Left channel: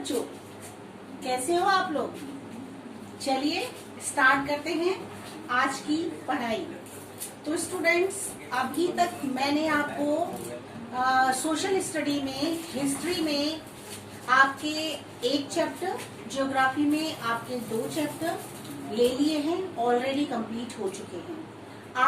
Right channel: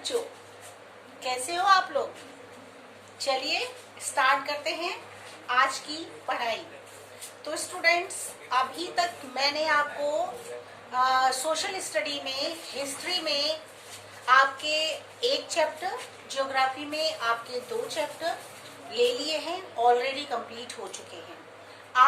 बच्चों, कैसे हो आप लोग। चलिए स्टार्ट करते हैं आज की पढ़ाई। तो स्टूडेंट्स, अभी तक मैंने आपको सोशल स्टडी में, हिस्ट्री में आपके एक चैप्टर, ज्योग्राफी में आपके 2 चैप्टर ले लिए हैं, ऑलरेडी कंप्लीट हो चुके हैं।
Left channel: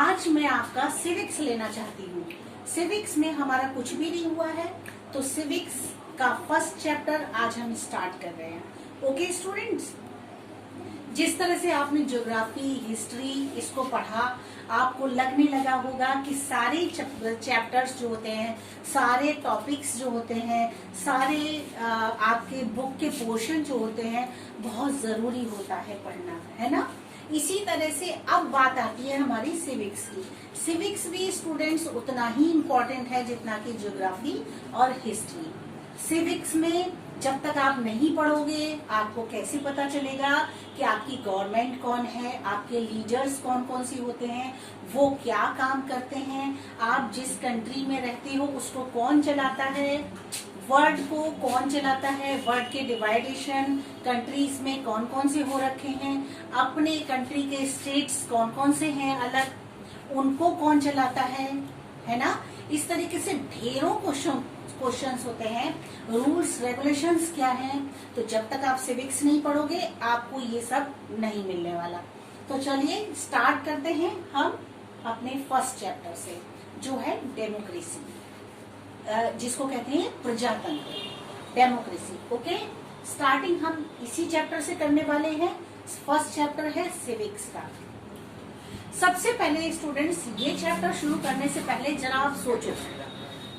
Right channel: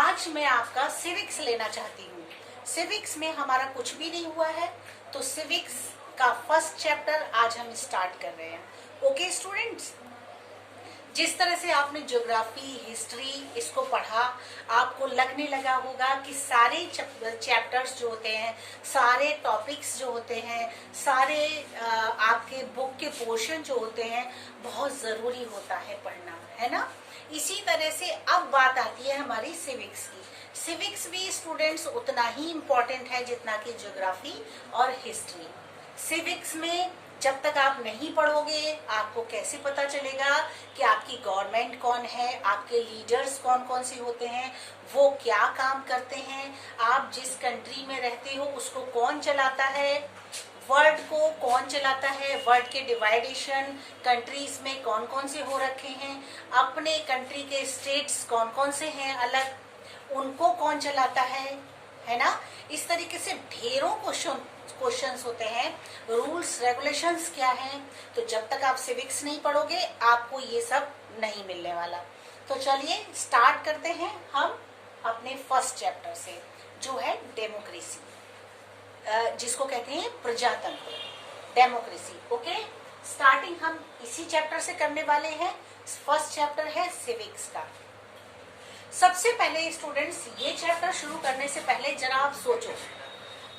आज मैं आपका सिविक्स लेना चाहती हूँ। सिविक्स में हमारा कुछ भी नहीं हुआ है, तो सिविक्स का फर्स्ट चैप्टर आज हम स्टार्ट कर रहे हैं। ओके स्टूडेंट्स, जिस तरह से आपने ज्योग्राफी, हिस्ट्री इसको पढ़ा, आपको लगने लगा होगा कि सारे चैप्टर्स जो होते हैं, सारे टॉपिक्स जो होते हैं, सारे आपके बुक के पोर्शन जो होते हैं, बहुत जरूरी होता है पढ़ना, है ना। इसी तरह से अब बात आती है हमारी सिविक्स की। सिविक्स भी स्टूडेंट्स उतना ही इम्पोर्टेंट है जितना कि ज्योग्राफी और हिस्ट्री। सिविक्स में जब तक आप नहीं पढ़ोगे, आपको कैसे पता चलेगा कि आपकी गवर्नमेंट कौन है, आपके लीडर्स कौन कौन से होते हैं, वो क्या काम करते हैं, आप जिस कंट्री में रहते हो उसको कौन चलाता है, वर्ल्ड को कौन चलाता है, वर्ल्ड के डिवाइडेशन कंट्रीज में कौन कौन से हो रखे हैं, अपने कंट्री के स्टेट्स कौन कौन से हैं अलग, उनको कौन चलाता है ना। इस तरीके से ढेरों क्वेश्चंस होते हैं, रूल्स रेगुलेशंस क्या हैं। तो जब तक आप सिविक्स नहीं पढ़ोगे आपको ये सब नहीं मिलने वाला। तो चलिए स्टार्ट करते हैं हम अपने फर्स्ट चैप्टर से, जो है डेमोक्रेसी, जिसको कहते हैं प्रजातंत्र, डेमोक्रेसी। ओके, स्टार्टिंग हम इसी चैप्टर से करने वाले हैं। फर्स्ट चैप्टर है सिविक्स का। सबसे पहले स्टूडेंट्स, ये चैप्टर शुरू करने से पहले जरा आप सोचो,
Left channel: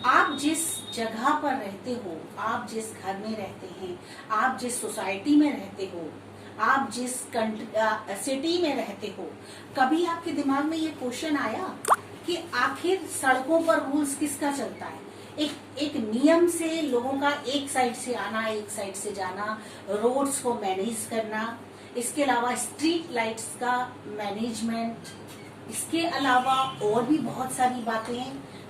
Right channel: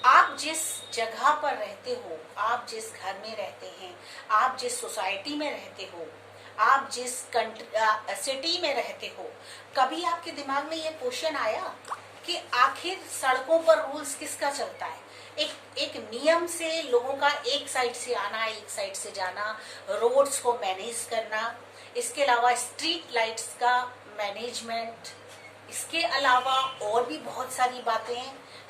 आप जिस जगह पर रहते हो, आप जिस घर में रहते हैं, आप जिस सोसाइटी में रहते हो, आप जिस सिटी में रहते हो, कभी आपके दिमाग में ये क्वेश्चन आया कि आखिर सड़कों पर रूल्स किसका चलता है। एक नियम से लोगों का एक साइड से आना, एक साइड से जाना, रोड्स को मैनेज करना, इसके अलावा स्ट्रीट लाइट्स का मैनेजमेंट, इसके अलावा और भी बहुत सारी बातें,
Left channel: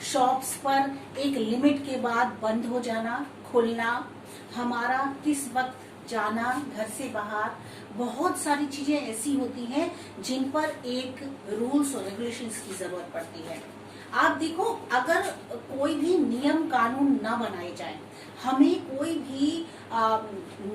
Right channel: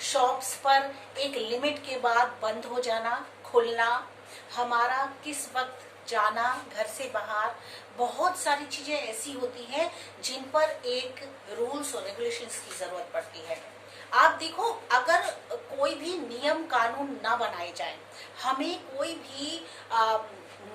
शॉप्स पर एक लिमिट के बाद बंद हो जाना, खुलना, हमारा किस वक्त जाना घर से बाहर, बहुत सारी चीजें ऐसी होती हैं जिन पर एक रूल्स और रेगुलेशंस की जरूरत पड़ती है। आप देखो, अगर कोई भी नियम कानून ना बनाए जाए, हमें कोई भी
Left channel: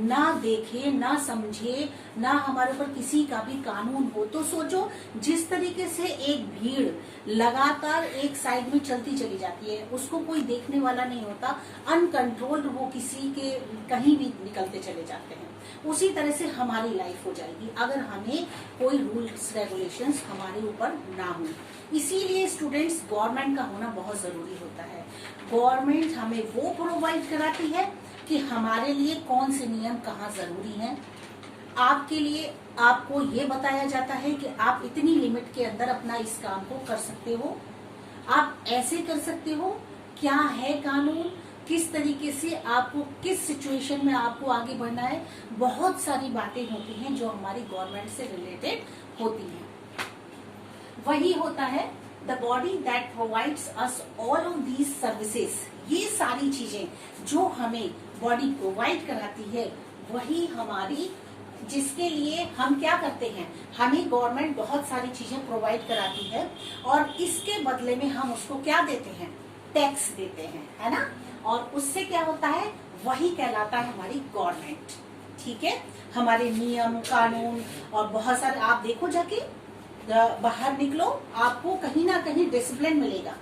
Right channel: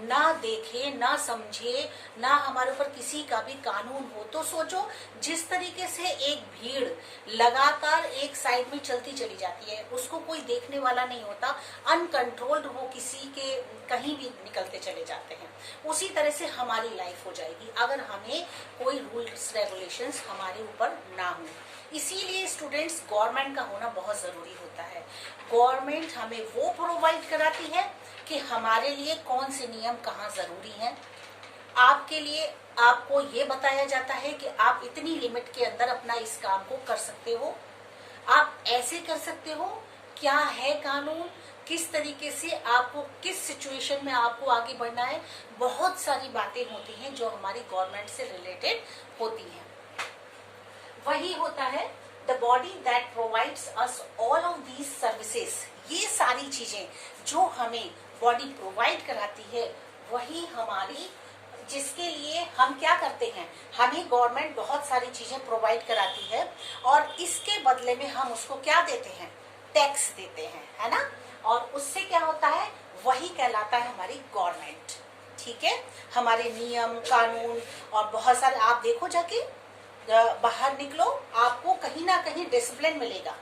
ना देखे, ना समझे, ना हमारे ऊपर किसी का भी कानून हो, तो सोचो जिस तरीके से एक भीड़ लगातार एक साइड में चलती चली जाती है, उसको कोई देखने वाला नहीं होता, अनकंट्रोल्ड वो किसी के कहीं भी निकलते चले जाते हैं, उसी तरह से हमारी लाइफ हो जाएगी अगर हमें कोई रूल्स रेगुलेशंस हमारे ऊपर ना हो। इसीलिए स्टूडेंट्स, गवर्नमेंट का होना बहुत जरूरी होता है। गवर्नमेंट हमें वो प्रोवाइड कराती है कि हमारे लिए कौन से नियम कहाँ जरूरी हैं। आपके लिए आपको ये बताया जाता है कि आप इतनी लिमिट के अंदर अपना इस काम को कर सकते हो, आप ऐसे कर सकते हो, क्या है कानून, किस तरीके से आपको किस सिचुएशन में आपको आगे बढ़ना है। बहुत सारी बातें होती हैं जो हमारी गवर्नमेंट से रिलेटेड होती हैं। वही होता है the body that provides us all of these services. ये सारी चीजें जो हमें बॉडी प्रोवाइड कराती है, वही हमारी, जिसके लिए हम क्या करते हैं, हमें गवर्नमेंट बहुत सारी चीजें प्रोवाइड कराती है और इसके बदले में हम उसको क्या देते हैं, टैक्स देते हैं, है ना। और उससे क्या होता है, वही कहलाता है हमारी गवर्नमेंट। ठीक है, हमारे नियम कानून और बहुत सारे, आप देखो जाके बाहर निकलो, आपको कहीं ना कहीं डिसिप्लिन मिलेगा,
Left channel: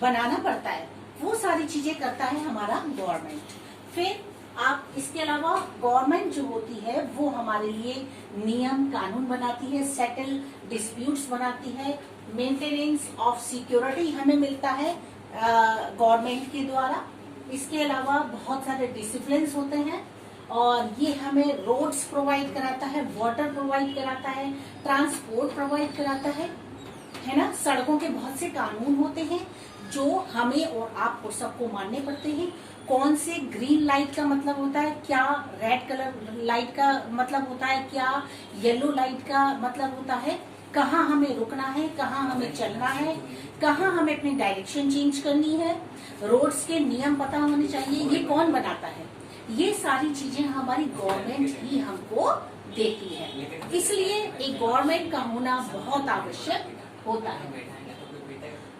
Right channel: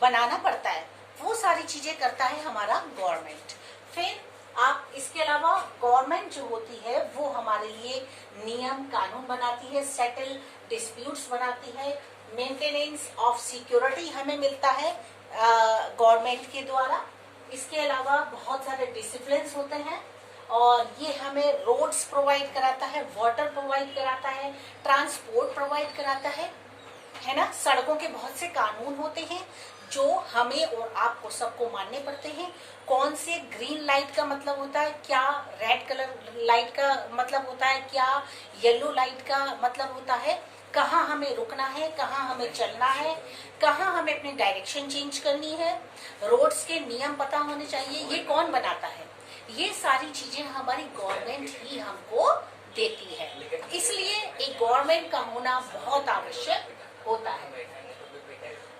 बनाना पड़ता है, वो सारी चीजें करता है हमारा गवर्नमेंट। फिर आप इसके अलावा गवर्नमेंट जो होती है वो हमारे लिए नियम कानून बनाती है, सेटल डिस्प्यूट्स बनाती है, मेंटेनेंस ऑफ सिक्योरिटी हमें मिलता है गवर्नमेंट के द्वारा। इसके अलावा बहुत सारे डिसिप्लिन होते हैं और ये हमें रोड्स प्रोवाइड कराता है, वाटर प्रोवाइड कराता है, ट्रांसपोर्ट प्रोवाइड कराता है ना। सड़कों के बहुत से कानून होते हैं जो हमें और आपको सबको मानने पड़ते हैं। कौन से ग्रीन लाइट का मतलब होता है क्या, रेड कलर लाइट का मतलब होता है क्या, येलो लाइट का मतलब होता है, कहाँ हमें रुकना है, कहाँ हमें चलना है, कहाँ हमें अपनी डायरेक्शन चेंज करनी है। रोड्स के नियम पता होने चाहिए। ये कौन बनाता है, ये सारी चीजें हमारी गवर्नमेंट ही हमको देती है, इसलिए एक गवर्नमेंट का होना बहुत आवश्यक होता है।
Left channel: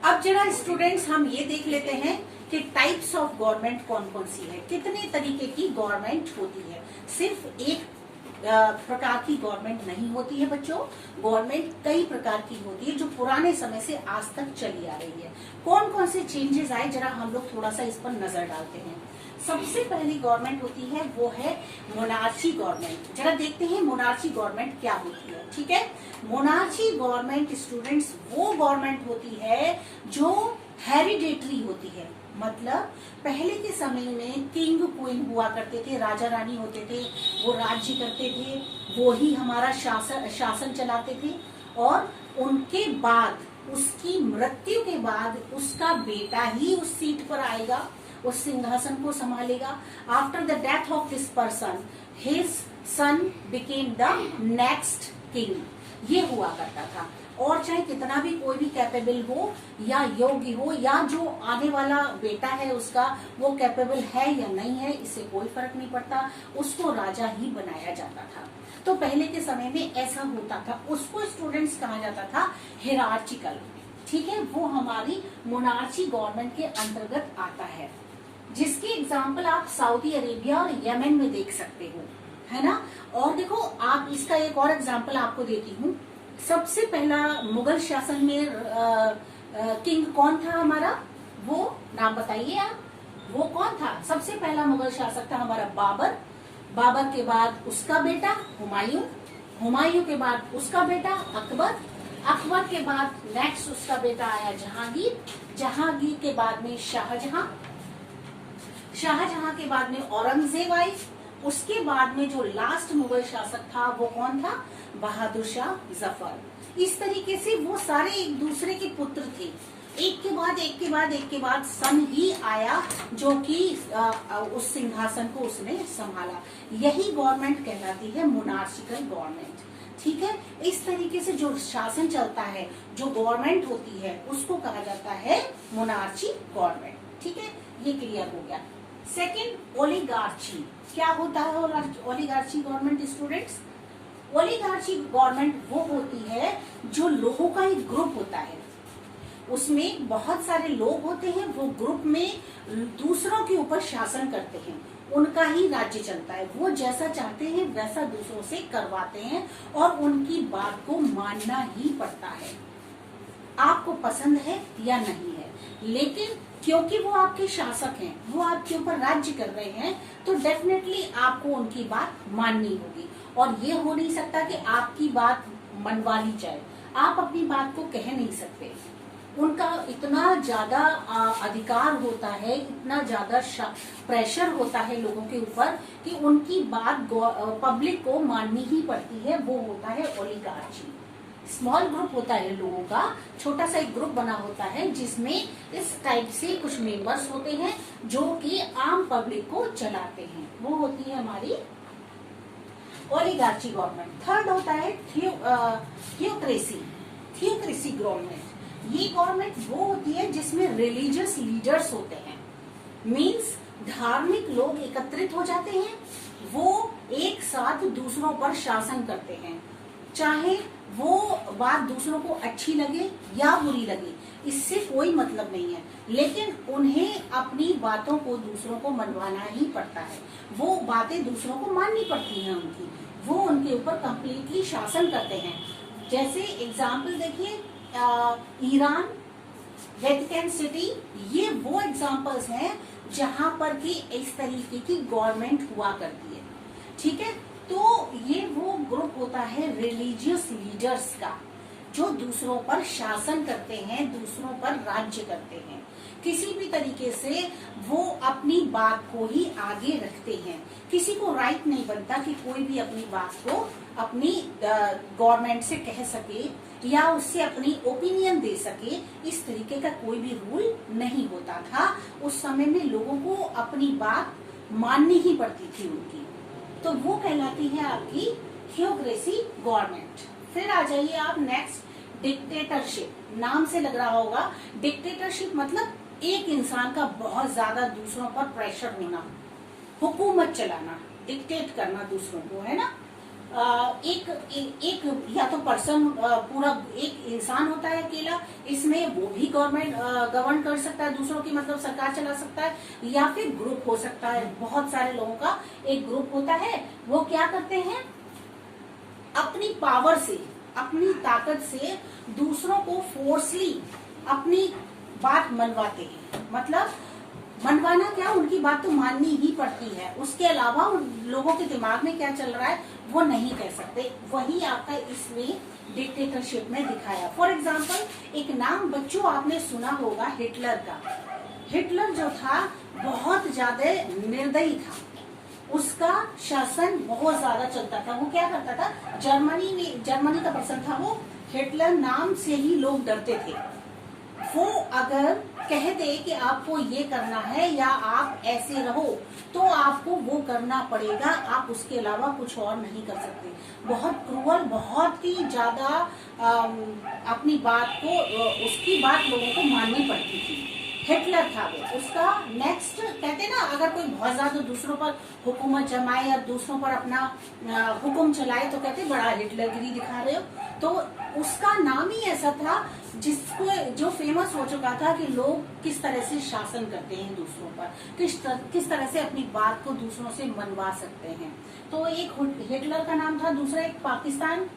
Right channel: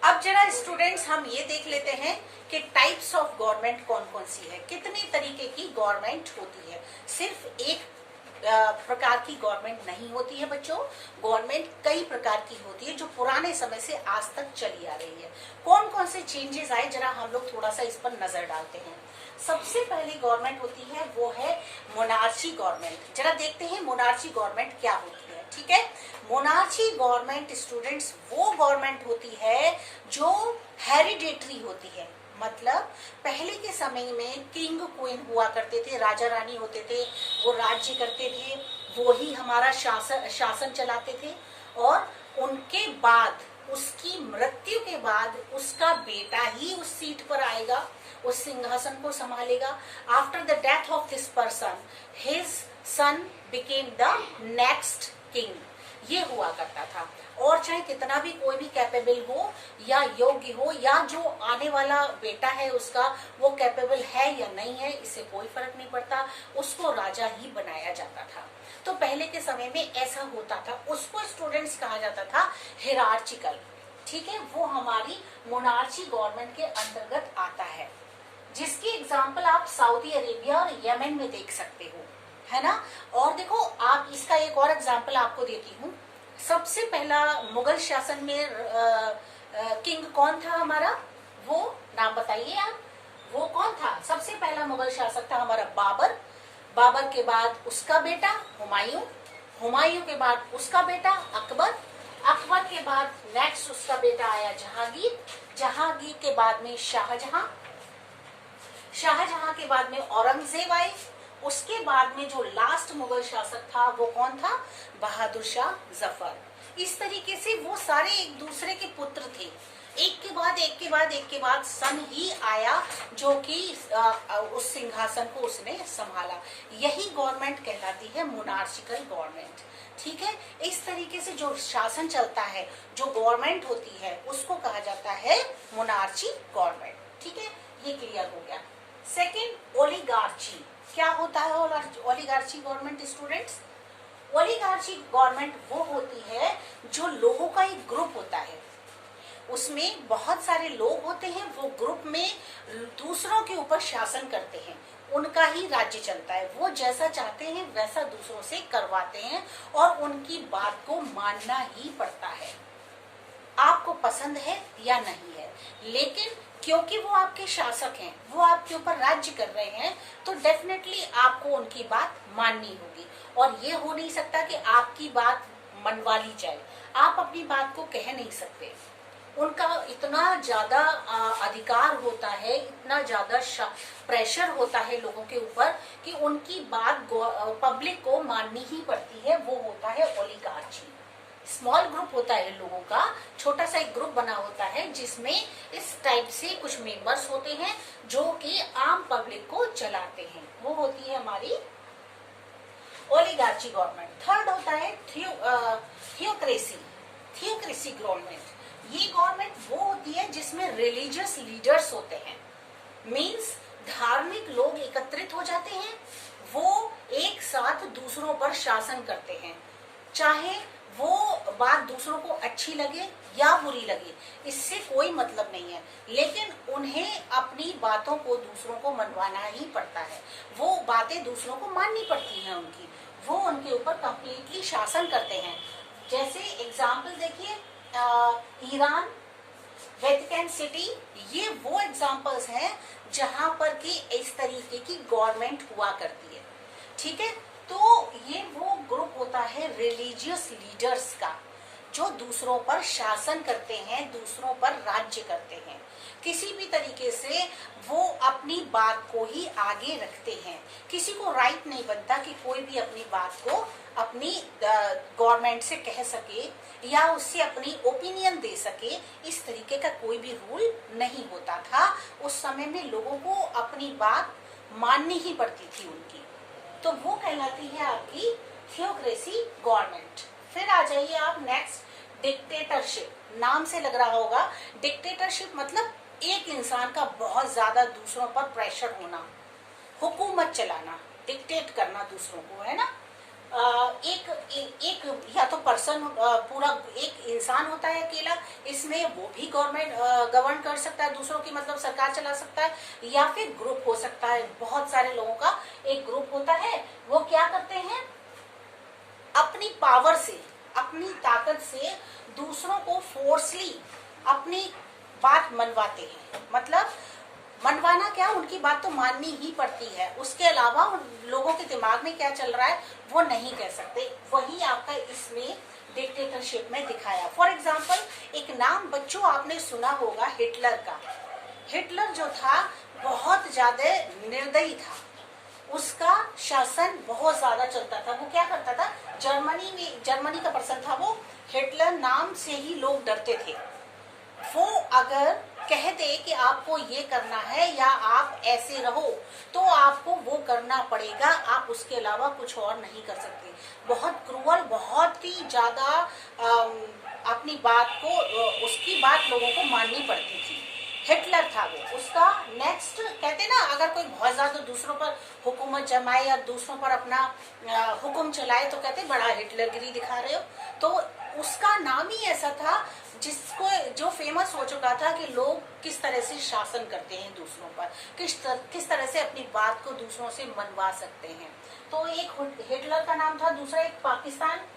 अब जरा स्टूडेंट्स हम ये देख लेते हैं कि टाइप्स ऑफ गवर्नमेंट कौन कौन सी है, कितने तरीके की गवर्नमेंट होती है। सिर्फ एक प्रकार की गवर्नमेंट नहीं होती है बच्चों, गवर्नमेंट कई प्रकार की होती है जो पुराने समय से आज तक चली आ रही है। कौन कौन से चेंजेस आए जरा हम लोग थोड़ा सा इस पर नजर डालते हैं। सबसे पहली गवर्नमेंट होती है वो है मोनार्ची गवर्नमेंट। जरा देखते हैं मोनार्ची गवर्नमेंट क्या होती है। ठीक है, मोनार्ची गवर्नमेंट स्टूडेंट्स वो गवर्नमेंट होती है जो हेरिडेटरी होती है। मतलब पहले के समय में किंग क्वीन हुआ करते थे, राजा रानी होते थे, वो राज्य करते थे, वो ही हमारा शासन चलाते थे, और उनके बाद उसकी मृत्यु के बाद उसका बेटा ही उस सीट पर आएगा, उस सिंहासन को संभालेगा। After the death of this person his son became the next king, ये हुआ करता था। और चाहे कितना भी कोई भी कैपेबल हो या योग्य हो, या जो आने वाला बेटा है उसका वो कैपेबल है या नहीं है, इससे कोई फर्क नहीं पड़ता, उसको राजा ही बनाया जाता था। तो पहले के समय में ऐसा होता था, उसको स्टूडेंट्स कहा जाता था हिरार्चिकल। ठीक है, वो हमारी मोनार्ची गवर्नमेंट के अंतर्गत आता है, जिसकी एग्जाम्पल आप सऊदी अरेबिया और यमन में देख सकते हो, है ना। और देखो आप इसका एक और एग्जाम्पल आपको देती हूँ। सबसे पहला मुगल शासन में किंग कौन था हमारा, वो नाम बताइए आप, वो कौन था। सबसे पहला मुगल शासक था हमारा बाबर, बाबर के बाद उसका बेटा हुमायूं, हुमायूं के बाद उसका बेटा अकबर, अकबर के बाद नेक्स्ट उसका बेटा आया जहांगीर, जहांगीर के बाद में शाहजहां, शाहजहां के बाद में औरंगजेब आई, उसके बाद में जो लास्ट मुगल शासक था वो कौन था, बहादुर शाह जफर। इस तरीके से वो सारे एक दूसरे के पुत्र थे, एक के बाद एक के बाद एक के बाद सन ही आया जो कि उस सिंहासन को उसने संभाला। यही गवर्नमेंट कहलाती है मोनार्चिकल गवर्नमेंट। ठीक है, इस तरीके से जो शासन चलता है, जो गवर्नमेंट होती है, उसको कहा जाता है मोनार्ची गवर्नमेंट। ठीक है, ये क्लियर हो गया। सेकंड, ओलिगार्ची। क्या होता है ओलिगार्ची गवर्नमेंट स्टूडेंट्स? ओलिगार्ची गवर्नमेंट वो होती है जो लोगों का एक ग्रुप होता है, उसमें बहुत सारे लोग होते हैं, वो ग्रुप में दूसरों के ऊपर शासन करते हैं, उनका ही राज्य चलता है, वो जैसा चाहते हैं वैसा दूसरों से करवाते हैं और उनकी बात को मानना ही पड़ता है, आपको पसंद है या नहीं है। लेकिन क्योंकि वो आपके शासक हैं, वो आपके ऊपर राज्य कर रहे हैं, तो डेफिनेटली आपको उनकी बात माननी होगी। और ये हो नहीं सकता कि आपकी बात मनवा ली जाए, आप अपनी बात को कह नहीं सकते। उनका इतना ज्यादा अधिकार होता है, इतना ज्यादा प्रेशर होता है लोगों के ऊपर कि उनकी बात पब्लिक को माननी ही पड़ती है। वो होता है ओलिगार्ची। स्मॉल ग्रुप होता है लोगों का, छोटा सा एक ग्रुप बना होता है जिसमें इस टाइप से कुछ मेंबर्स होते हैं जो कि आम पब्लिक को चलाते हैं, वो होती है हमारी ओलिगार्ची गवर्नमेंट। थर्ड होता है थियोक्रेसी, थियोक्रेसी गवर्नमेंट। ये गवर्नमेंट वो होती है जिसमें रिलीजियस लीडर्स होते हैं, मींस धार्मिक लोग एकत्रित हो जाते हैं, वो एक साथ दूसरों पर शासन करते हैं, चाहे वो बात दूसरों को अच्छी लगे या बुरी लगे, इससे कोई मतलब नहीं है, लेकिन उन्हें अपनी बातों को दूसरों को मनवाना ही पड़ता है, वो बातें दूसरों को माननी पड़ती हैं उनकी, वो उनके ऊपर कंप्लीटली शासन करते हैं। जैसे एग्जाम्पल देखिए, ईरान, वेटिकन सिटी, ये वो एग्जाम्पल्स हैं जहां पर कि इस तरीके की गवर्नमेंट हुआ करती है। ठीक है, तो ये वो ग्रुप होता है रिलीजियस लीडर्स का, जो दूसरों पर शासन करते हैं, दूसरों पर राज्य करते हैं, किसी भी तरीके से वो अपनी बात को ही आगे रखते हैं। किसी को राइट नहीं बनता कि कोई भी अपनी बात को अपनी गवर्नमेंट से कह सके या उससे अपनी ओपिनियन दे सके, इस तरीके का कोई भी रूल नहीं होता था। उस समय में लोगों को अपनी बात माननी ही पड़ती थी उनकी, तो वो कहलाती है आपकी थियोक्रेसी गवर्नमेंट। फिर आ जाइए आप नेक्स्ट, डिक्टेटरशिप। नाम से लग रहा होगा, डिक्टेटरशिप मतलब एक इंसान का बहुत ज्यादा दूसरों पर प्रेशर होना, हुकूमत चलाना, डिक्टेट करना दूसरों को, है ना। एक या तो पर्सन पूरा एक इंसान होता है अकेला, इसमें वो भी गवर्नमेंट गवर्न कर सकता है दूसरों की, मतलब सरकार चला सकता है, या फिर ग्रुप हो सकता है, बहुत सारे लोगों का एक ग्रुप होता है। वो क्या करते हैं, अपनी पावर से, अपनी ताकत से दूसरों को फोर्सली अपनी बात मनवाते हैं। मतलब मनवाना क्या, उनकी बात तो माननी ही पड़ती है, उसके अलावा उन लोगों के दिमाग में क्या चल रहा है वो नहीं कह सकते। वही आपका इसमें डिक्टेटरशिप में दिखाया। फॉर एग्जाम्पल, एक नाम बच्चों आपने सुना होगा हिटलर का। हिटलर जो था बहुत ज्यादा निर्दयी था, उसका शासन बहुत ज्यादा चलता था। वो क्या करता था, जर्मनी का पर्सन था वो, हिटलर नाम से ही लोग डरते थे। वो अगर कह दे कि आपको ये करना है या आप ऐसे रहो, तो आपको वो करना पड़ेगा, आप उसके अलावा कुछ और नहीं कर सकते। बहुत क्रूअल, बहुत ही ज्यादा अपनी बात को, उसकी बात लोगों को माननी पड़ती थी। हिटलर था वो। उसका नेक्स्ट कहते ना, अगर कोई बहुत ज्यादा दूसरों पर हुकूमत जमाए या दूसरों पर अपना हुक्म चलाए तो कहते बड़ा हिटलरगिरी दिखा रहे हो। तो उसका नाम ही ऐसा था जिसको, जो फेमस हो चुका था कि लोग किस तरह से शासन करते हैं दूसरों पर, किस तरह से अपनी बात को दूसरों से मनवा सकते हैं। तो एक हिटलर का नाम था, दूसरा एक पाकिस्तान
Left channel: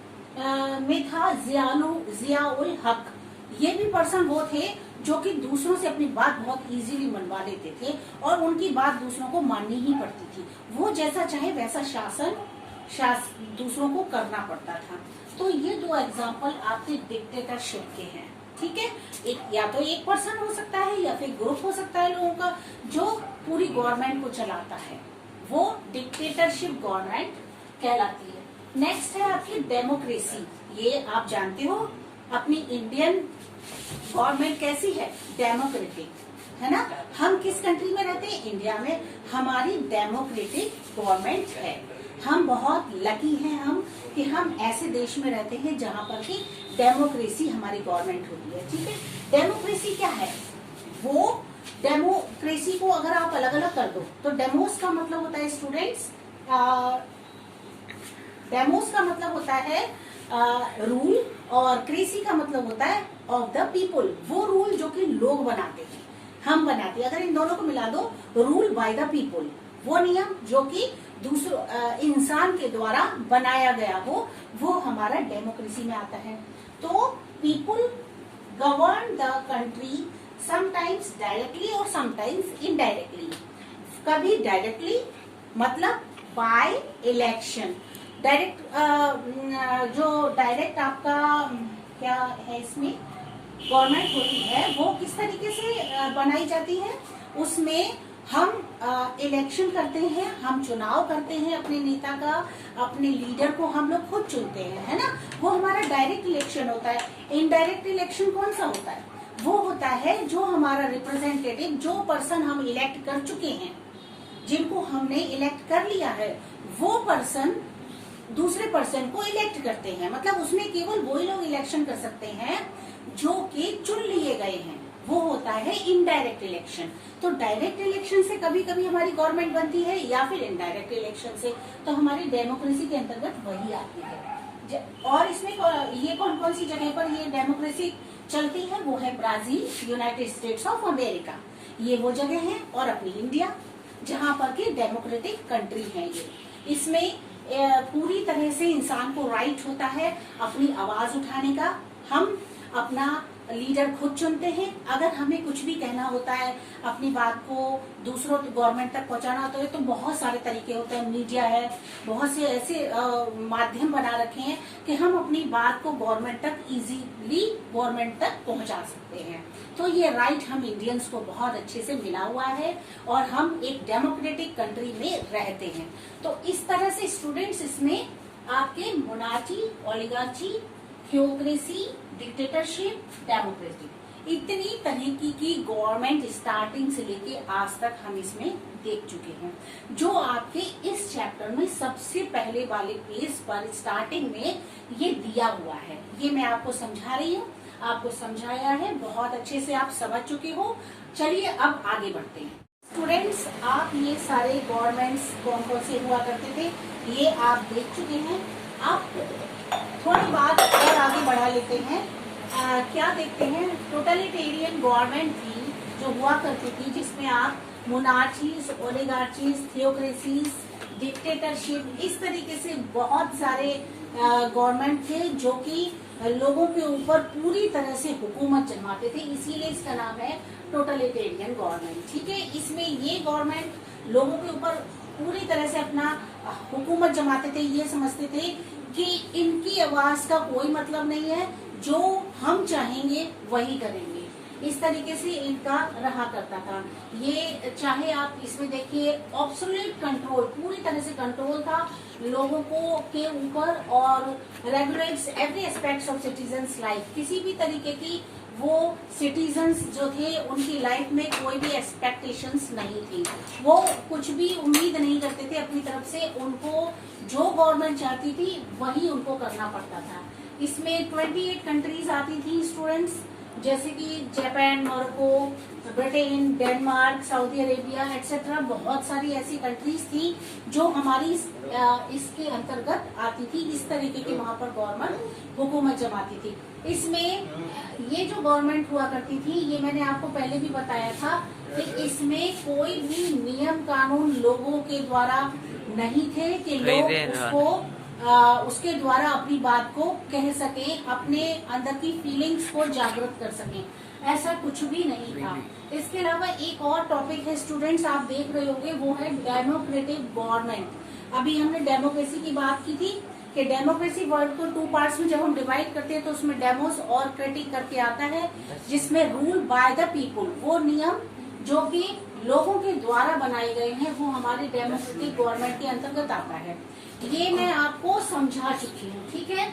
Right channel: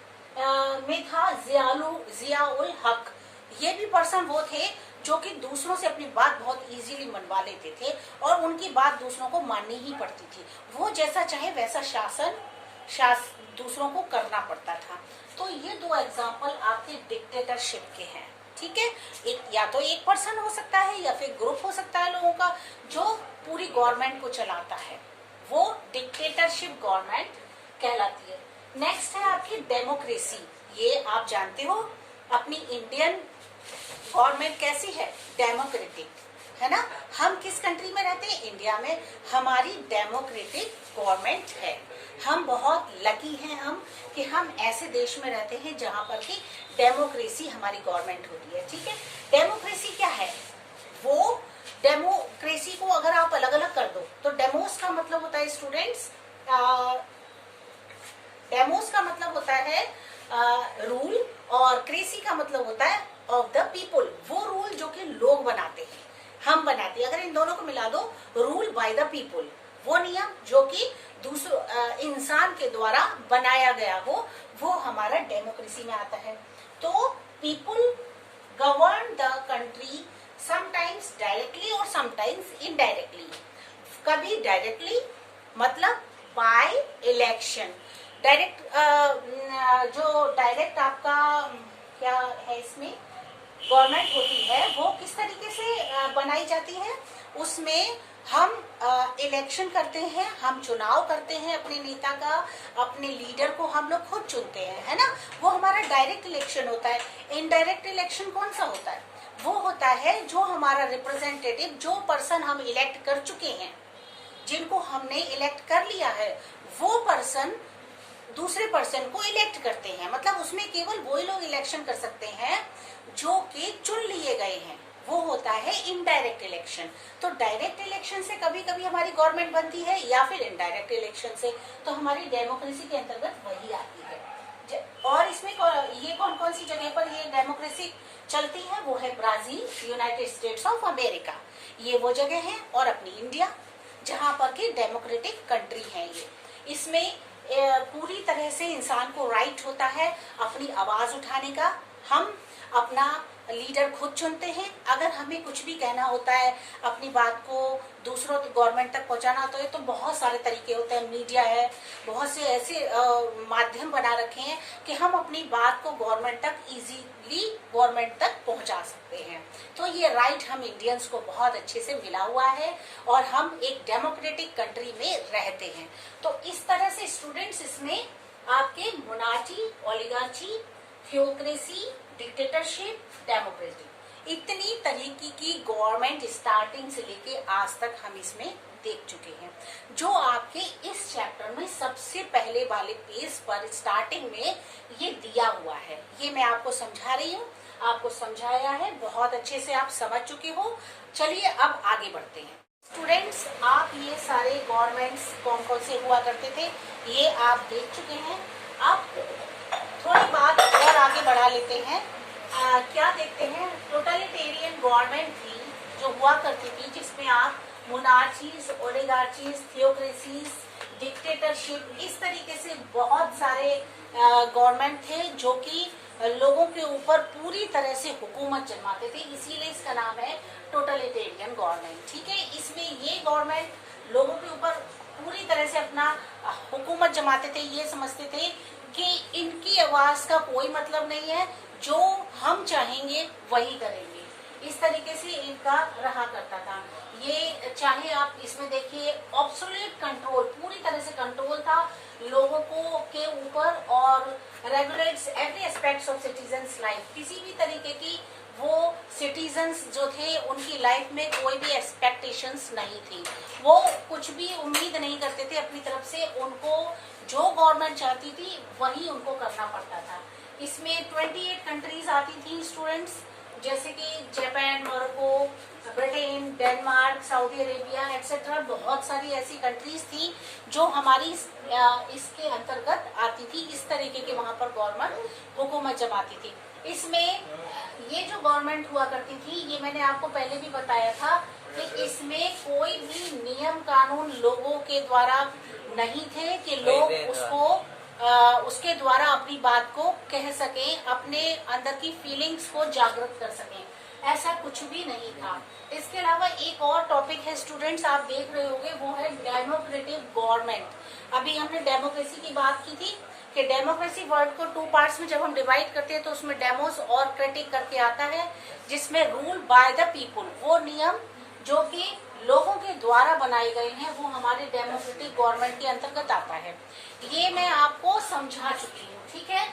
में था जियाउल हक। ये भी पर्सन वो थे जो कि दूसरों से अपनी बात बहुत इजीली मनवा लेते थे और उनकी बात दूसरों को माननी ही पड़ती थी। वो जैसा चाहे वैसा शासन दूसरों को करना पड़ता था। तो ये दो एग्जाम्पल आपके डिक्टेटरशिप के हैं, ठीक है। एक या तो एक पर्सन हो सकता है या फिर ग्रुप हो सकता है लोगों का जो पूरी गवर्नमेंट को चलाता है, वो डिक्टेटरशिप गवर्नमेंट कहलाती है। नेक्स्ट है आपकी डेमोक्रेसी। ये आप जानते हो अपनी इंडियन गवर्नमेंट कैसी है, डेमोक्रेटिक, है ना। हम किस कंट्री में रहते हैं, इंडिया में। हमारी डेमोक्रेटिक गवर्नमेंट है। हम बहुत लकी हैं हम कि हम ऐसे देश में रहते हैं जहां पर कि डेमोक्रेसी हमारी गवर्नमेंट होती है, ठीक है। डेमोक्रेसी क्या है, वो डेमोक्रेसी को अगर आप अलग अलग कर दो तो डेमोस का मतलब होता है स्टूडेंट्स, डेमोस का मतलब होता है रूल, और क्रेसी का मतलब होता है ऑफ द पीपुल। वो रूल जो कि लोग बनाते हैं, हम बनाते हैं। अगर इन दोनों को मिला दो, रूल बाय द पीपुल, वो नियम जो कि दूसरों इंसान के द्वारा बनाया गया हो, वो हमारा डेमोक्रेसी में आता है। तो people govern the country sometimes directly और समटाइम्स इनडायरेक्टली। कभी डायरेक्टली मतलब बाय इलेक्शन, डायरेक्ट जो डायरेक्ट आपका क्या है इसमें गवर्नमेंट होती है, वो किस तरीके से बनाई जाती है, उसमें हम इलेक्शन करते हैं, हम चुनाव करते हैं अपने नेता का, अपने लीडर को हम लोग खुद चुनते हैं, है ना। वो हमारा डायरेक्ट इलेक्शन होता है। इनडायरेक्ट इलेक्शन कौन सा होता है, वो होता है जो हमारा रिप्रेजेंटेटिव, जो पर्सन हम इलेक्ट कर चुके हैं, जिनको हमने इलेक्ट कर लिया है, वो पर्सन दूसरे पर्सन को इलेक्ट करते हैं। मतलब उसमें केवल वही लोग इलेक्शन कर सकते हैं जो कि चुन लिए गए हैं, वो होता है इनडायरेक्ट इलेक्शन। तो डायरेक्ट इलेक्शन से कभी कभी हमारी गवर्नमेंट बनती है, या फिर इनडायरेक्ट इलेक्शन से तो हमारी डेमोक्रेसी के अंतर्गत वही आती है। और इसमें ये कौन कौन सी जगह पर ये डेमोक्रेसी चलती है, वो है Brazil, United states of America, ये वो जगह है, और अपनी इंडिया जहाँ पर की डेमोक्रेटिक कंट्री है ये। इसमें पूरी तरह से इंसान को राइट होता है अपनी आवाज उठाने का। हम अपना लीडर खुद चुनते हैं। अगर हमें कुछ भी कहना होता है, अपनी बात को दूसरों गवर्नमेंट तक पहुंचाना होता है, तो बहुत सारे तरीके होते हैं। मीडिया है, बहुत से ऐसे माध्यम बना रखे हैं कि हम अपनी बात को गवर्नमेंट तक इजीली गवर्नमेंट तक पहुंचा सकते हैं। तो ये राइट हम इंडियंस को बहुत अच्छे से मिला हुआ है, और हम एक डेमोक्रेटिक कंट्री में रहते हैं। तो इस तरह से स्टूडेंट्स इसमें आपके मोनार्ची, ओलिगार्ची, थियोक्रेसी, डिक्टेटरशिप, डेमोक्रेसी, इतनी तरीके की गवर्नमेंट स्टार्टिंग से लेके आज तक हम इसमें देख चुके हैं। जो आपके इस चैप्टर में सबसे पहले वाले पेज पर स्टार्टिंग में ये दिया हुआ है, ये मैं आपको समझा रही हूँ, आपको समझाया है, बहुत अच्छे से आप समझ चुके हो। चलिए अब आगे बढ़ते हैं। स्टूडेंट्स, आप ये सारे गवर्नमेंट्स कौन कौन से हुआ करते थे ये आप देख चुके हैं। आप थोड़ी बात और आगे बढ़ा लेते हैं। क्या देखते हैं, टोटलिटेरियन गवर्नमेंट थी जो हुआ करती थी, जिसमें आप मोनार्चीज, ओलिगार्चीज, थियोक्रेसीज, डिक्टेटरशिप, इस तरीके से बहुत सारे गवर्नमेंट थे जो कि लोगों के ऊपर पूरी तरह से हुकूमत जमाते थे। इसीलिए इसका नाम है टोटलिटेरियन गवर्नमेंट। ठीक है, इसमें ये गवर्नमेंट लोगों के ऊपर पूरी तरह से अपना हुकूमत जमाते थे। ये समझते थे कि इनकी आवाज का कोई मतलब नहीं है, जो हम चाहेंगे वही करेंगे। इस तरीके से इनका रहा करता था। ये चाहे आप इसमें देखिए, ऑब्सोल्यूट कंट्रोल, पूरी तरह से कंट्रोल था लोगों को के ऊपर, और regulates every aspects of citizens life. किसी भी तरीके की वो सिटीजन्स जो थे उनकी लाइफ में कोई भी एक्सपेक्टेशंस नहीं थी। वो कुछ भी उम्मीद नहीं करते थे अपनी तरफ से, उनको जो गवर्नमेंट चाहती थी वही उनको करना पड़ता था। इसमें 28 कंट्रीज आती थी स्टूडेंट्स, जैसे कि Japan, Morocco, Britain, Denmark, Saudi Arabia etcetera. बहुत सारी ऐसी कंट्रीज थी जो हमारी इसके अंतर्गत आती थी। इस तरीके के वहां पर गवर्नमेंट हुकूमत जमाती थी। इसमें ये जो गवर्नमेंट हुआ करती थी, ये मैंने आपको पहले भी बताया था कि इसमें कोई भी नियम कानून लोगों के द्वारा नहीं थे कि लोग उसके द्वारा अपनी बात को कह सकें, अपने अंदर की फीलिंग्स को जागृत कर सकें। ऐसा कुछ भी नहीं था। इसके अलावा एक और टॉपिक है स्टूडेंट्स, आप देख रहे होंगे, वो है डेमोक्रेटिक गवर्नमेंट। अभी हमने डेमोक्रेसी की बात की थी कि डेमोक्रेसी वर्ड को 2 पार्ट्स में जब हम डिवाइड करते हैं तो उसमें डेमोस और क्रिटिक करके आता है, जिसमें रूल बाय द पीपुल, वो नियम जो कि लोगों के द्वारा बनाए गए हैं, वो हमारे डेमोक्रेटिक गवर्नमेंट के अंतर्गत आता है। ये मैं आपको समझा चुकी हूँ। ठीक है,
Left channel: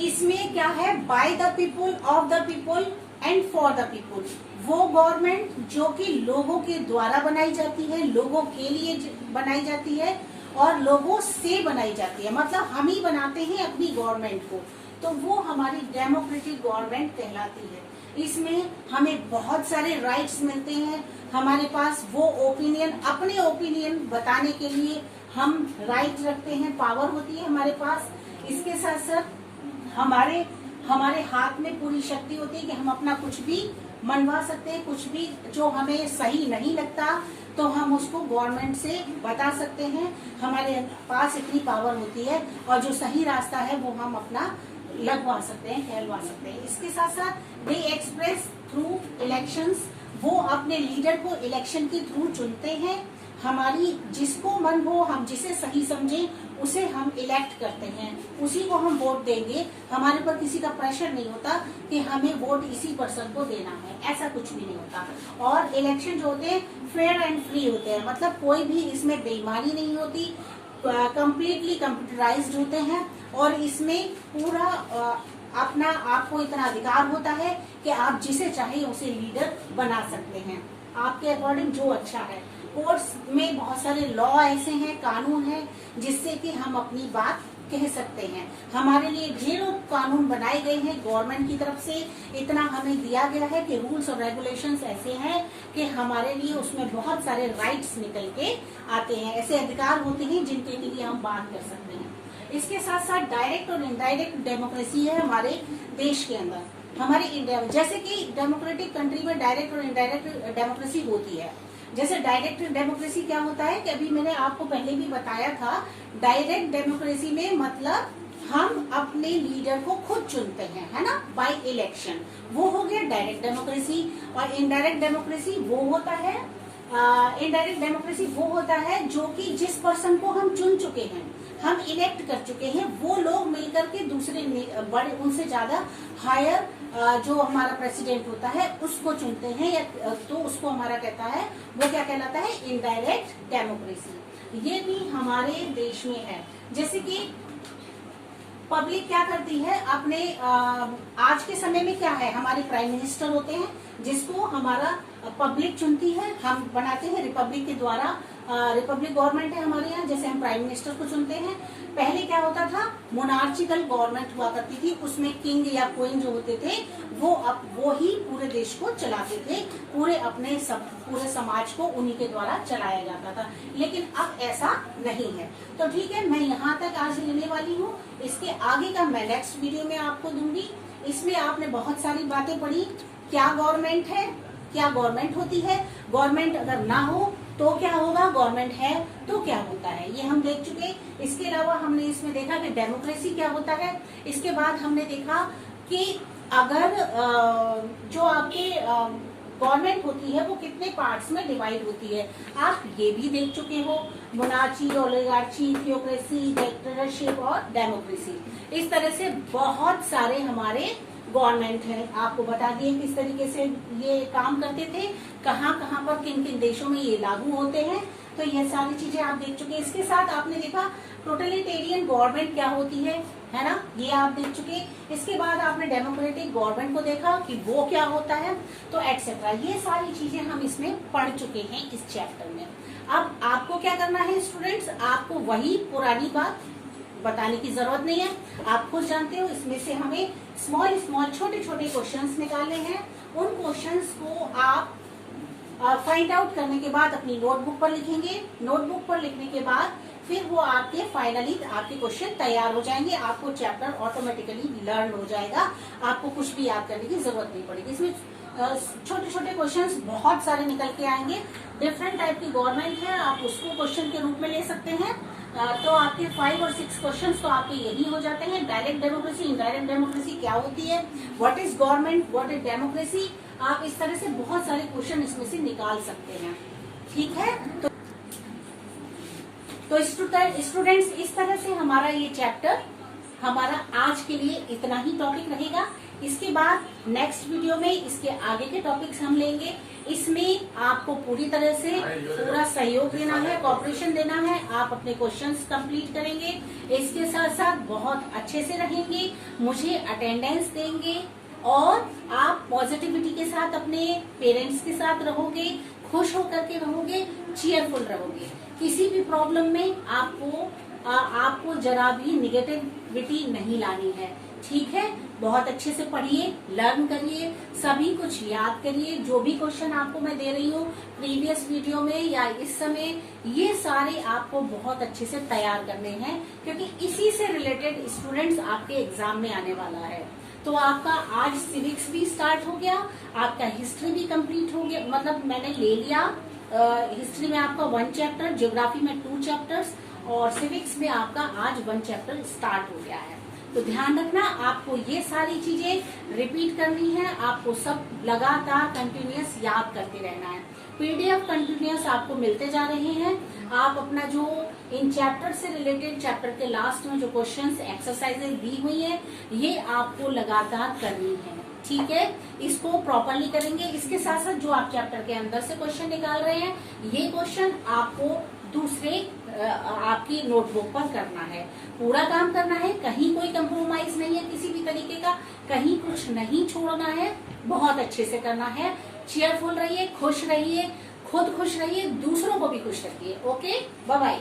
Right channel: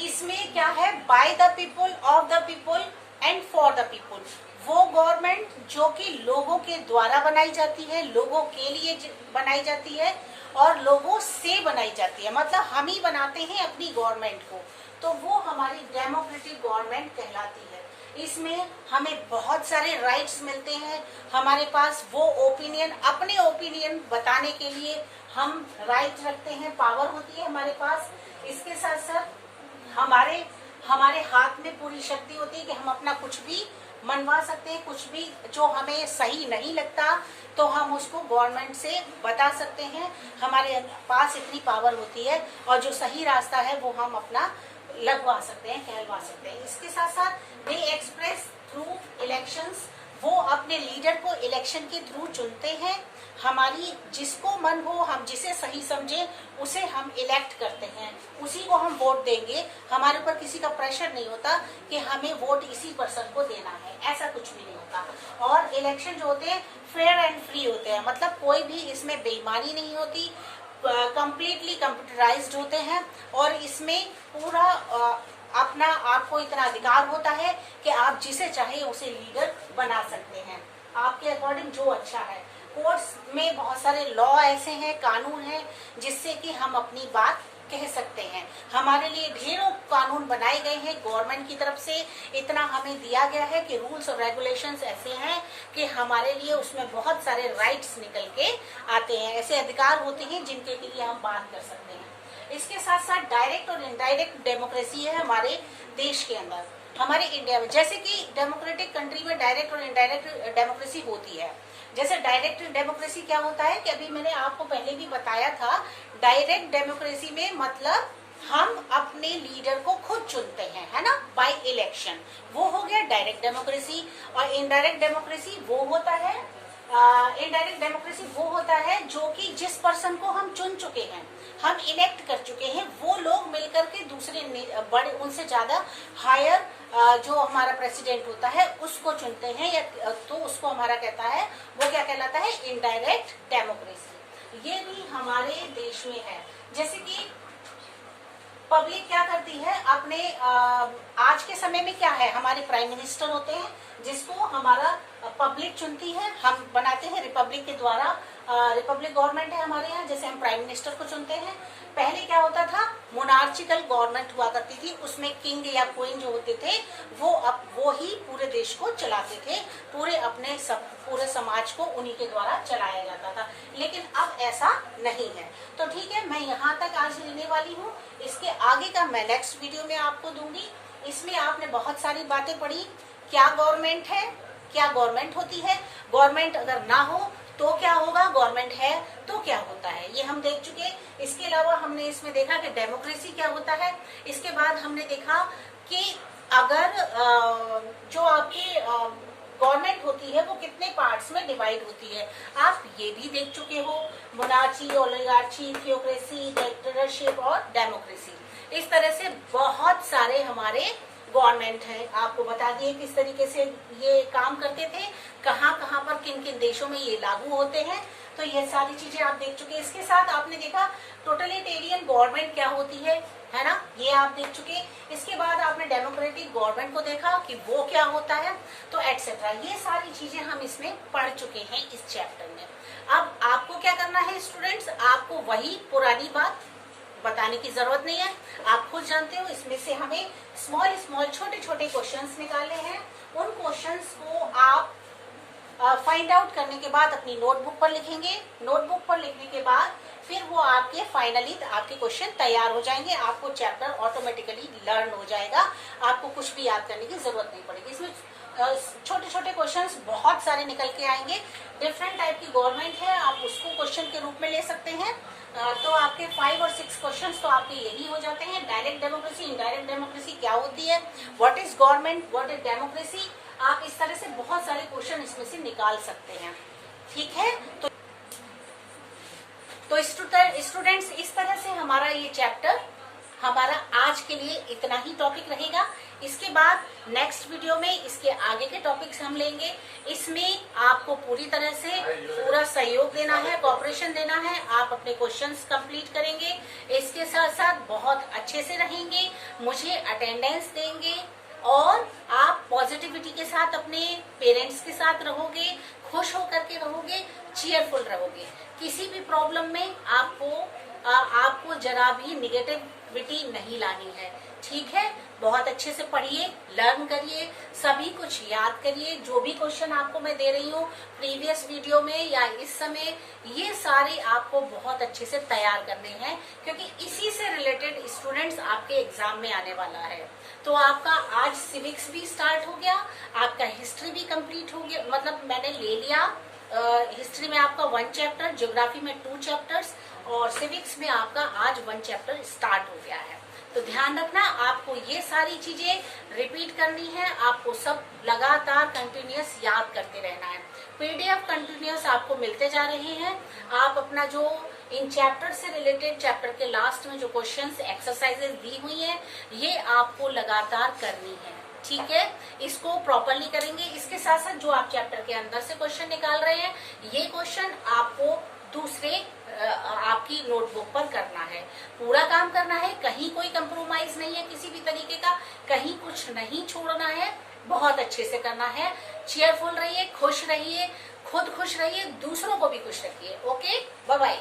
इसमें क्या है, by the people, of the people and for the people. वो गवर्नमेंट जो कि लोगों के द्वारा बनाई जाती है, लोगों के लिए बनाई जाती है और लोगों से बनाई जाती है। मतलब हम ही बनाते हैं अपनी गवर्नमेंट को, तो वो हमारी डेमोक्रेटिक गवर्नमेंट कहलाती है। इसमें हमें बहुत सारे राइट्स मिलते हैं। हमारे पास वो ओपिनियन, अपने ओपिनियन बताने के लिए हम राइट रखते हैं, पावर होती है हमारे पास। इसके साथ साथ हमारे हाथ में पूरी शक्ति होती है कि हम अपना कुछ भी मनवा सकते हैं। कुछ भी जो हमें सही नहीं लगता तो हम उसको गवर्नमेंट से बता सकते हैं। हमारे पास इतनी पावर होती है, और जो सही रास्ता है वो हम अपना लगवा सकते हैं, कहलवा सकते हैं। इसके साथ साथ दे एक्सप्रेस थ्रू इलेक्शंस, वो अपने लीडर को इलेक्शन के थ्रू चुनते हैं। हमारी जिसको मन हो, हम जिसे सही समझे उसे हम इलेक्ट करते हैं, उसी को हम वोट देंगे। हमारे ऊपर किसी का प्रेशर नहीं होता कि हमें वोट इसी पर्सन को देना है, ऐसा कुछ भी नहीं होता। और इलेक्शन जो होते हैं फेयर एंड फ्री होते हैं, मतलब कोई भी इसमें बेईमानी नहीं होती, कंप्लीटली कंप्यूटराइज्ड होते हैं। और इसमें पूरा अपना आपको इतना अधिकार होता है कि आप जिसे चाहे उसे लीडर बना सकते हैं, आपके अकॉर्डिंग जो अच्छा है। कोर्ट्स में बहुत सारे लॉ ऐसे हैं, कानून हैं, जिससे कि हम अपनी बात कह सकते हैं। हमारे लिए ढेरों कानून बनाए गए हैं गवर्नमेंट की तरफ से। इतना हमें दिया गया है कि रूल्स और रेगुलेशंस ऐसे हैं कि हमारे लिए उसमें बहुत सारे राइट्स निकल के आते हैं, ऐसे अधिकार होते हैं जिनके लिए हम बात कर सकते हैं। इसके साथ साथ डायरेक्ट और इनडायरेक्ट डेमोक्रेसी है हमारे देश के अंदर, हमारे इंडिया में। जैसे कि डेमोक्रेटिक कंट्री में डायरेक्ट और इनडायरेक्ट डेमोक्रेसी होती है। जैसे डायरेक्ट डेमोक्रेसी क्या होता है कि अभी मैंने आपको पहले भी बताया था, डायरेक्ट डेमोक्रेसी में मतलब हम अपने लीडर को खुद चुनते हैं, है ना, बाय इलेक्शन, वो हो गया डायरेक्ट डेमोक्रेसी। और इनडायरेक्ट डेमोक्रेसी वो होता है, इनडायरेक्ट डेमोक्रेसी वो होता है जो कि जिस पर्सन को हम चुन चुके हैं, हम इलेक्ट कर चुके हैं, वो लोग मिलकर के दूसरे बड़े, उनसे ज्यादा हायर जो हमारा प्रेसिडेंट होता है उसको चुनते हैं, या तो उसको हमारा कहता है, वो क्या कहलाता है, इनडायरेक्ट डेमोक्रेसी। ये भी हमारे देश में है। जैसे कि पब्लिक क्या करती है अपने आज के समय में क्या है, हमारे प्राइम मिनिस्टर होते हैं जिसको हमारा पब्लिक चुनती है, हम बनाते हैं रिपब्लिक के द्वारा रिपब्लिक गवर्नमेंट है हमारे यहाँ, जैसे हम प्राइम मिनिस्टर को चुनते हैं। पहले क्या होता था, मोनार्चिकल गवर्नमेंट हुआ करती थी, उसमें किंग या क्वीन जो होते थे वो ही पूरे देश को चलाते थे, पूरे समाज को उन्हीं के द्वारा चलाया जाता था। लेकिन अब ऐसा नहीं है। तो ठीक है, मैं यहाँ तक आज लेने वाली हूँ। इसके आगे का मैं नेक्स्ट वीडियो में आपको दूंगी। इसमें आपने बहुत सारी बातें पढ़ी, क्या गवर्नमेंट है, क्या गवर्नमेंट होती है, गवर्नमेंट अगर ना हो तो क्या होगा, गवर्नमेंट है तो क्या होता है, ये हम देख चुके। इसके अलावा हमने इसमें देखा कि डेमोक्रेसी क्या होता है। इसके बाद हमने देखा कि अगर जो आपकी गवर्नमेंट होती है वो कितने पार्ट्स में डिवाइड होती है, आप ये भी देख चुके हो। मोनार्ची, ओलिगार्ची, थियोक्रेसी, डिक्टेटरशिप और डेमोक्रेसी, इस तरह से बहुत सारे हमारे गवर्नमेंट है। आपको बता दिए किस तरीके से ये काम करते थे, कहाँ कहाँ पर किन किन देशों में ये लागू होते हैं। तो ये सारी चीजें आप देख चुके। इसके साथ आपने देखा टोटलिटेरियन गवर्नमेंट क्या होती है ना, ये आप देख चुके। इसके बाद आपने डेमोक्रेटिक गवर्नमेंट को देखा कि वो क्या होता है, तो एटसेट्रा, ये सारी चीजें हम इसमें पढ़ चुके हैं इस चैप्टर में। अब आपको क्या करना है स्टूडेंट्स, आपको वही पुरानी बात बताने की जरूरत नहीं है, आप खुद जानते हो। इसमें से हमें स्मॉल छोटे छोटे क्वेश्चंस निकालने हैं। उन क्वेश्चंस को आप फाइंड आउट करने के बाद अपनी नोटबुक पर लिखेंगे। नोटबुक पर लिखने के बाद फिर वो आपके फाइनली आपके क्वेश्चन तैयार हो जाएंगे। आपको चैप्टर ऑटोमेटिकली लर्न हो जाएगा, आपको कुछ भी याद करने की जरूरत नहीं पड़ेगी। इसमें छोटे छोटे क्वेश्चंस बहुत सारे निकल के आएंगे। डिफरेंट टाइप की गवर्नमेंट है, आप उसको क्वेश्चन के रूप में ले सकते हैं। तो आपके 5 और 6 क्वेश्चंस तो आपके यही हो जाते हैं। डायरेक्ट डेमोक्रेसी, इनडायरेक्ट डेमोक्रेसी क्या होती है, what is government, what is democracy, आप इस तरह से बहुत सारे क्वेश्चन इसमें से निकाल सकते हैं। ठीक है, तो स्टूडेंट्स, इस तरह से हमारा ये चैप्टर हमारा आज के लिए इतना ही टॉपिक रहेगा। इसके बाद नेक्स्ट वीडियो में इसके आगे के टॉपिक्स हम लेंगे। इसमें आपको पूरी तरह से पूरा सहयोग देना है, कॉपरेशन देना है। आप अपने क्वेश्चंस कंप्लीट करेंगे, इसके साथ साथ बहुत अच्छे से रहेंगे, मुझे अटेंडेंस देंगे और आप पॉजिटिविटी के साथ अपने पेरेंट्स के साथ रहोगे, खुश होकर के रहोगे, चीयरफुल रहोगे। किसी भी प्रॉब्लम में आपको जरा भी निगेटिविटी नहीं लानी है। ठीक है, बहुत अच्छे से पढ़िए, लर्न करिए, सभी कुछ याद करिए। जो भी क्वेश्चन आपको मैं दे रही हूँ प्रीवियस वीडियो में या इस समय, ये सारे आपको बहुत अच्छे से तैयार करने हैं, क्योंकि इसी से रिलेटेड स्टूडेंट्स आपके एग्जाम में आने वाला है। तो आपका आज सिविक्स भी स्टार्ट हो गया, आपका हिस्ट्री भी कंप्लीट हो गया, मतलब मैंने ले लिया। हिस्ट्री में आपका 1 चैप्टर, ज्योग्राफी में 2 चैप्टर्स और सिविक्स में आपका आज 1 चैप्टर स्टार्ट हो गया है। तो ध्यान रखना, आपको ये सारी चीजें रिपीट करनी है, आपको सब लगातार कंटिन्यूअस याद करते रहना है। पीडीएफ कंटिन्यूअस आपको मिलते जा रहे हैं। आप अपना जो इन चैप्टर से रिलेटेड चैप्टर के लास्ट में जो क्वेश्चंस एक्सरसाइजेज दी हुई है, ये आपको लगातार करनी है। ठीक है, इसको प्रॉपरली करेंगे। इसके साथ साथ जो आप चैप्टर के अंदर से क्वेश्चन निकाल रहे हैं, ये क्वेश्चन आपको दूसरे आपकी नोटबुक पर करना है, पूरा काम करना है। कहीं कोई कंप्रोमाइज नहीं है किसी भी तरीके का, कहीं कुछ नहीं छोड़ना है, बहुत अच्छे से करना है। चीयरफुल रहिए, खुश रहिए, खुद खुश रहिए, दूसरों को भी खुश रखिए। Okay, bye bye.